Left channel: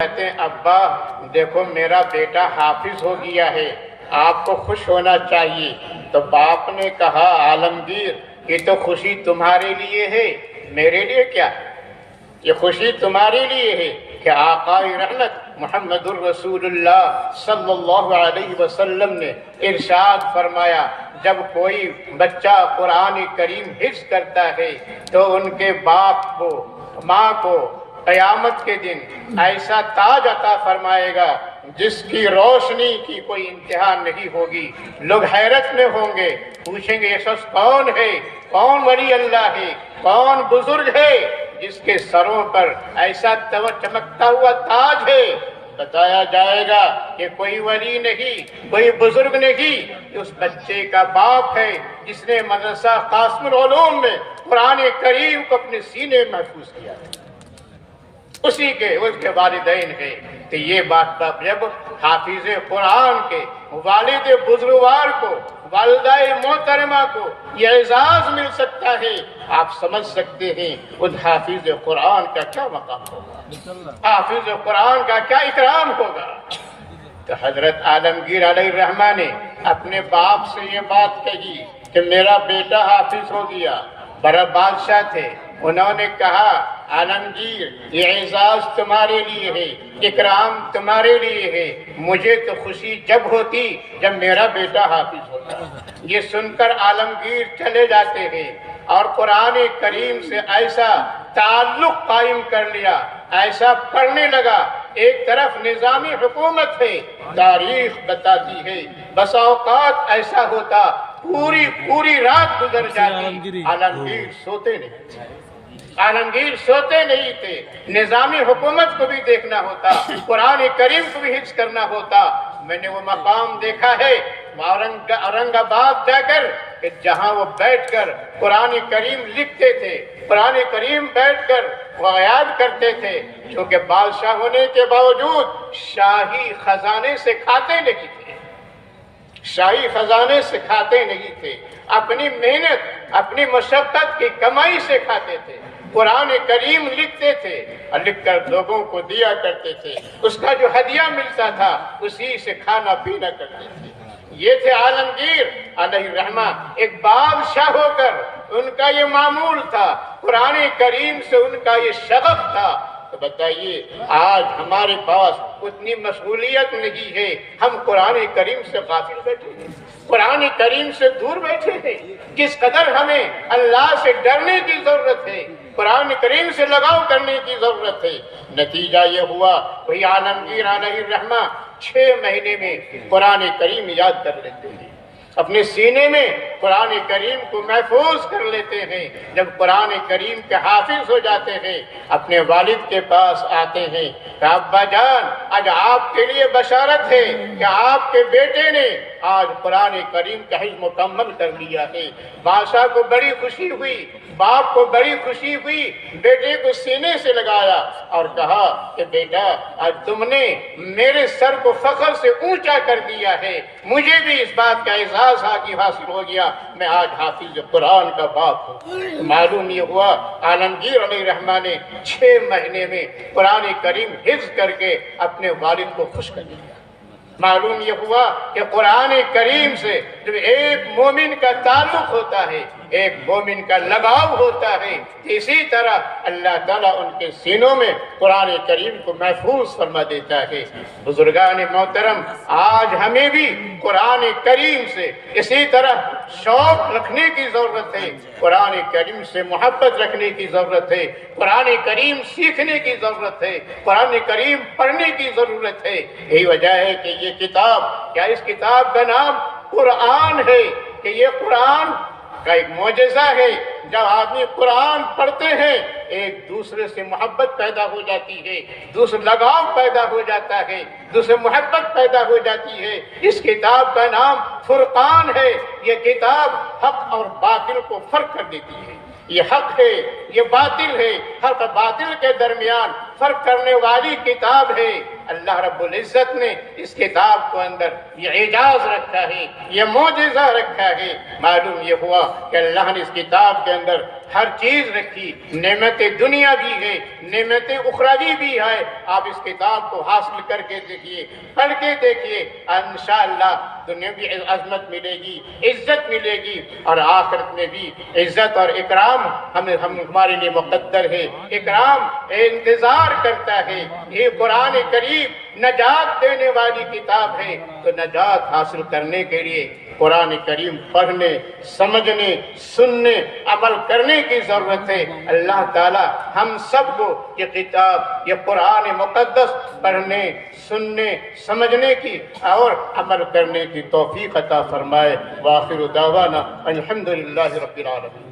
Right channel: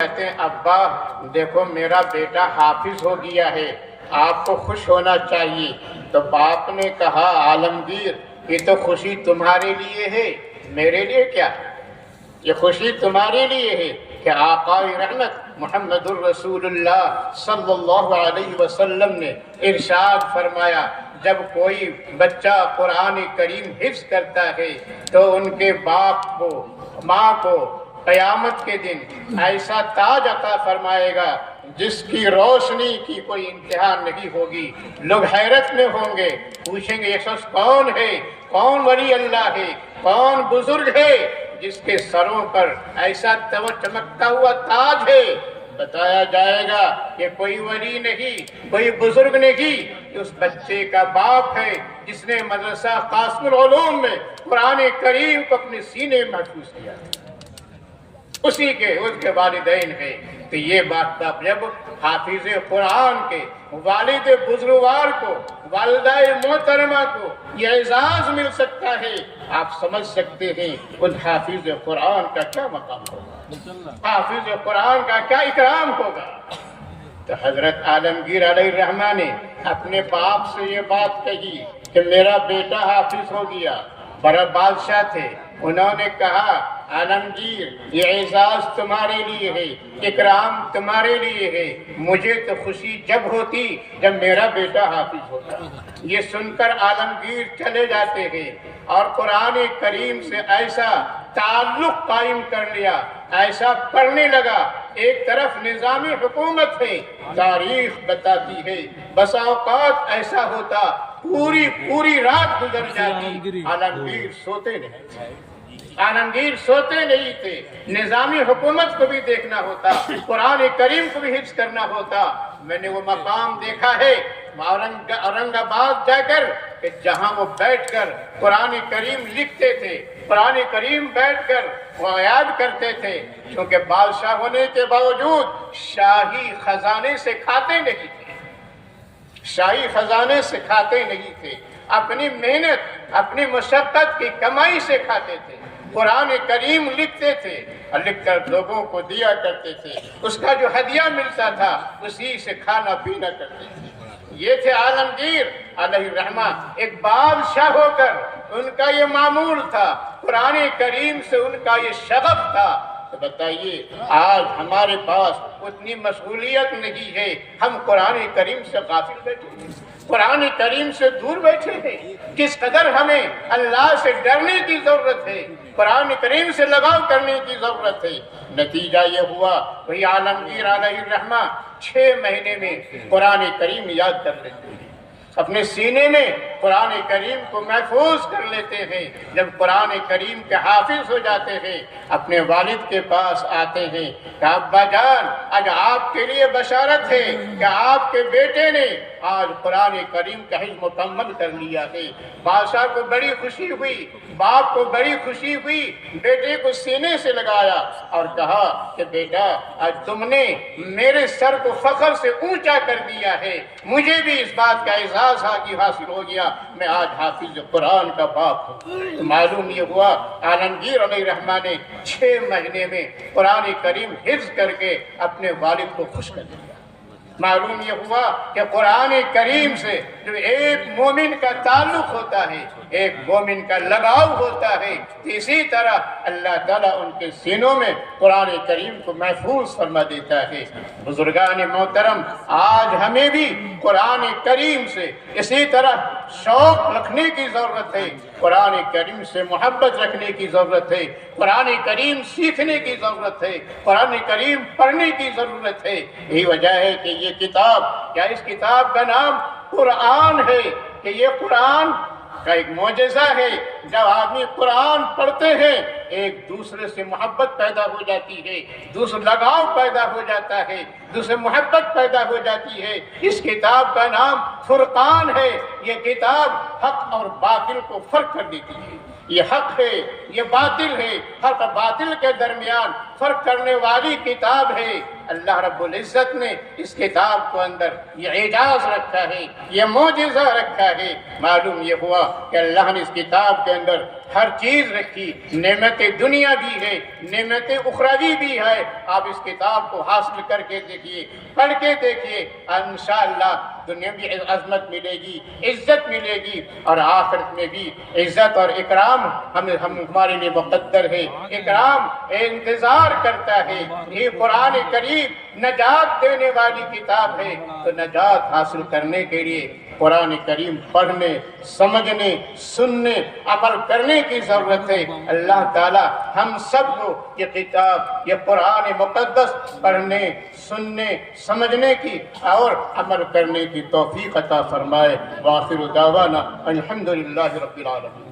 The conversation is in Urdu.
کہتے ہیں ابا دیکھو میرا بیٹا حافظ ہو گیا ہے، آپ کو خوش ہونا چاہیے۔ تو باپ نے کہا عالمگیر یہ تو خوشی تمہارے لیے ہے، میرے لیے کیا ہے؟ یہ خوشی تمہارے لیے ہے کہ آقا رحمت محمد الرسول اللہ صلی اللہ علیہ وسلم نے ارشاد فرمایا جب کوئی بچہ قرآن کریم حفظ کرتا ہے تو ان کے باپ کو ماں کو قیامت کے دن ایسا تاج عطا فرمائے گا جس کی روشنی کی کوئی انتہا نہیں ہوگی۔ لوگ حیرت میں ہوں گے، پوچھیں گے یہ شخص کون ہے، کون ولی اللہ ہے، کون بزرگ ہے جس کے سروں پر ایسا چمکتا ہوا تاج ہے؟ بتایا جائے گا کہ کوئی ولی نہیں، کوئی بزرگ نہیں، کہ اس بچے کا باپ ہے جس نے مدرسہ قاسم العلوم میں قرآن کریم کو اپنے سینے میں محفوظ کیا، اسی کے اس کے والدین ہیں۔ تو یہ بات جب حافظ قرآن کے والد بزرگوار کو، والدہ محترمہ کو یہ اعزاز مل سکتا ہے، آپ سمجھ سکتے ہیں ان حافظ قرآن کا کیا مقام ہوگا، حافظ قرآن کا کیا اکرام ہوگا۔ تو حضرت عالمگیر علیہ الرحمہ نے اپنے باپ سے یہ بات کہی کہ میرا بیٹا حافظ ہو گیا، بڑا بادشاہ تھے، انہوں نے کہا عالمگیر یہ اعزاز تمہارے لیے ہے، اکرام تمہارے لیے ہے، مجھے تو خوشی جب ہوتی جب میرا بیٹا حافظ ہوتا۔ یہ سن کر عالمگیر چلے جاتے ہیں اور قرآن کریم سے ایسا تعلق قائم کر لیا، ایسا پڑھنے لگا۔ ایک طرف نظامی حکومت ہے، تاریخ بتاتی ہے بسا اوقات ایسا ہوتا پوری رات گزر جاتی، عالمگیر سوتے نہیں تھے، عالمگیر سوتے نہیں تھے، نظامی حکومت کو بھی دیکھنا ہوتا، قرآن کریم کو بھی حفظ کرنا ہوتا۔ میں نے وہ مقام دیکھا ہے اورنگ آباد جا کر کہ جہاں وہ بیٹھ کر قرآن کریم لکھتے تھے، قرآن کریم بیٹھ کر وہ یاد کرتے تھے، کیونکہ بادشاہ ہونے کے باوجود شاہی خزانے سے کھاتے نہیں تھے، شاہی خزانے سے کھاتے نہیں تھے، اپنی محنت اپنی مشقت کی کمائی سے کھاتے تھے، قرآن کریم لکھتے تھے اور لکھ کر لوگوں کو دیا کرتے تھے، اس کا جو ہدیہ ملتا تھا اسی سے کھانا پینا کرتے تھے۔ یہ تھے عالمگیر علیہ الرحمہ، ایک بادشاہ ہو کر ان کا یہ معمول تھا، قرآن کریم سے ان کا یہ شغف تھا۔ تو بتائیے آج ہمارے پاس اتنی مشغولیت نہیں ہے، ہم قرآن کریم سے غافل بیٹھے ہیں، قرآن کریم سے دور بیٹھے ہیں۔ کس قدر ہمیں اللہ سے ڈرنے کی ضرورت ہے، قرآن کریم سے لگاؤ کرنے کی ضرورت ہے۔ نتیجہ یہ ہوا وہی عالمگیر علیہ الرحمہ 6 مہینے میں قرآن کریم یاد کر لیتے ہیں، اپنے سینے میں قرآن کریم کو محفوظ کر لیتے ہیں۔ جب قرآن کریم کے حافظ ہو جاتے ہیں اپنے والد کے پاس آتے ہیں کہ ابا جان آج آپ کے لیے بشارت ہے کہ آپ کے بیٹے نے آج قرآن کریم کا حفظ مکمل کر لیا ہے۔ بادشاہ کو بڑی خوشی ہوئی، باپ کو بڑی خوشی ہوئی، بیٹے کو سینے سے لگایا اور کہا کہ بیٹا آج تم نے میرے سر کو فخر سے اونچا کر دیا ہے، مجھے بھی اس بات کا احساس حاصل ہو گیا، میں آج حافظ قرآن کا باپ ہوں۔ معلوم یہ ہوا عالمگیر علیہ الرحمہ نے 6 مہینے میں قرآن کریم حفظ کر کے اپنے والد کو خوش کر دیا۔ معلوم یہ ہوا کہ قرآن کریم سے جو ایک مومن کا تعلق ہوتا ہے، ایک مومن کا لگاؤ ہوتا ہے، اسی طرح اللہ تعالیٰ ان کے سینوں میں قرآن کریم کو محفوظ فرما دیتا ہے۔ بزرگان محترم آج ہمیں بھی قرآن کریم سے اسی طرح شوق رکھنے کی ضرورت ہے، قرآن کریم سے محبت رکھنے کی ضرورت ہے، قرآن کریم سیکھنے کی ضرورت ہے، قرآن کریم پڑھنے کی ضرورت ہے۔ یہی وجہ ہے کہ یہ کتاب، کیا اس کتاب کا نام قرآن ہے کہ یہ قرآن کا ایک معجزہ ہے۔ جب آدمی قرآن پڑھتے ہیں ایک دوسرے سے محبت پیدا ہو جاتی ہے، دوسرے لگاؤ پیدا ہو جاتا ہے، دوسرے محبت پیدا ہو جاتی ہے۔ اس کتاب کا نام فرقان ہے، یہ کتاب حق اور باطل کو فرق کر دیتی ہے، یہ حق ہے یہ باطل ہے، حق باطل کے درمیان فرق کرنے والی کتاب ہے۔ اللہ رب العزت نے اس کتاب کو اندر یہ اعجاز رکھا ہے، یہ معجزہ رکھا ہے۔ معلوم یہ ہوا کہ اللہ نے اس کتاب کے اندر ہر چیز رکھی، نعمت دنیا بھی ہے، نعمت اخروی بھی ہے۔ آپ اس کتاب کو حاصل کر کے دیکھیے، پڑھ کے دیکھیے، انشاءاللہ دنیا بھی عظمت ملے گی، عزت ملے گی، اور آخرت میں بھی عزت اور اکرام ہمارے لیے مقدر ہے۔ اکرام انتظار کرتا ہے۔ یہ قرآن کریم نجات دینے والی کتاب ہے، تو نجات حاصل کرنے کے لیے قرآن کریم پڑھنے، سمجھنے، سننے، عمل کرنے کی ضرورت ہے۔ اللہ تعالی ہم سب کو یہ کتاب، یہ قرآن مقدس پڑھنے، سننے، سمجھنے کی اور عمل کرنے کی توفیق عطا فرمائے۔ وآخر دعوانا الحمدللہ رب العالمین۔